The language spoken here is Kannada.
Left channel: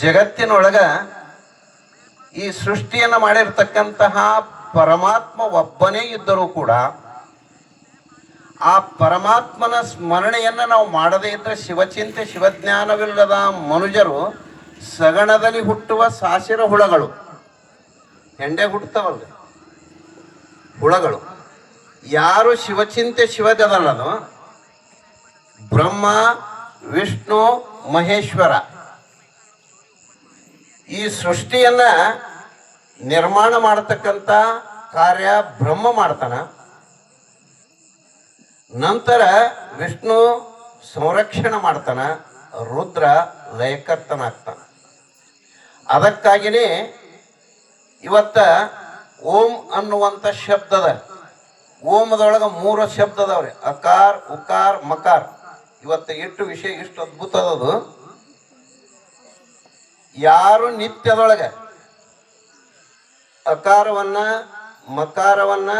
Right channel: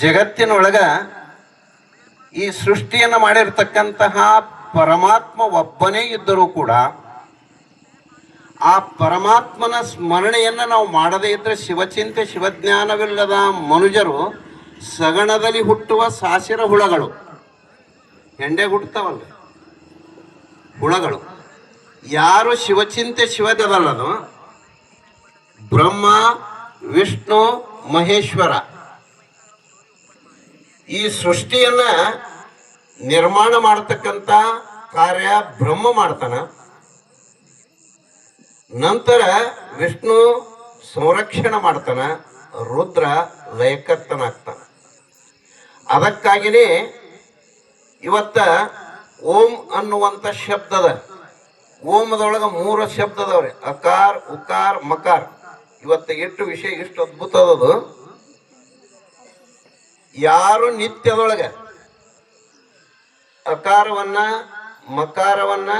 ಜಗತ್ತಿನೊಳಗ ಈ ಸೃಷ್ಟಿಯನ್ನು ಮಾಡಿರ್ತಕ್ಕಂತಹ ಪರಮಾತ್ಮ ಒಬ್ಬನೇ ಇದ್ದರೂ ಕೂಡ ಆ ಪರಮಾತ್ಮನ ಸ್ಮರಣೆಯನ್ನು ನಾವು ಮಾಡದೇ ಇದ್ದರೆ ಶಿವಚಿಂತೆ ಶಿವಜ್ಞಾನವಿಲ್ಲದ ಮನುಜರು ಸಗಣದಲ್ಲಿ ಹುಟ್ಟುವ ಸಾಸಿರ ಹುಳಗಳು. ಹೆಂಡೆ ಹುಟ್ಟುತ್ತವಲ್ಲ ಹುಳಗಳು. ಯಾರು ಶಿವಚಿಂತೆ ಶಿವದಲ್ಲದು ಬ್ರಹ್ಮ ವಿಷ್ಣು ಮಹೇಶ್ವರ ಈ ಸೃಷ್ಟಿಯನ್ನ ನಿರ್ಮಾಣ ಮಾಡತಕ್ಕಂಥ ಕಾರ್ಯ ಬ್ರಹ್ಮ ಮಾಡ್ತಾನ. ನಂತರ ವಿಷ್ಣು ಸಂರಕ್ಷಣೆ ಮಾಡ್ತಾನ, ರುದ್ರ ಲಯಕರ್ತನಾಗ್ತಾನ. ಅದಕ್ಕಾಗಿಯೇ ಇವತ್ತ ಓಂ ಅನ್ನುವಂಥ ಶಬ್ದದ ಓಮದೊಳಗೆ 3 ಶಬ್ದ ಅದಾವ್ರಿ, ಅಕಾರ್ ಉಕಾರ್ ಮಕಾರ್. ಇವತ್ತು ಎಷ್ಟು ವಿಷಯ ಇಷ್ಟು ಅದ್ಭುತ ಅದದು. ಯಾರು ನಿತ್ಯದೊಳಗೆ ಅಕಾರವನ್ನ ಮಕಾರವನ್ನ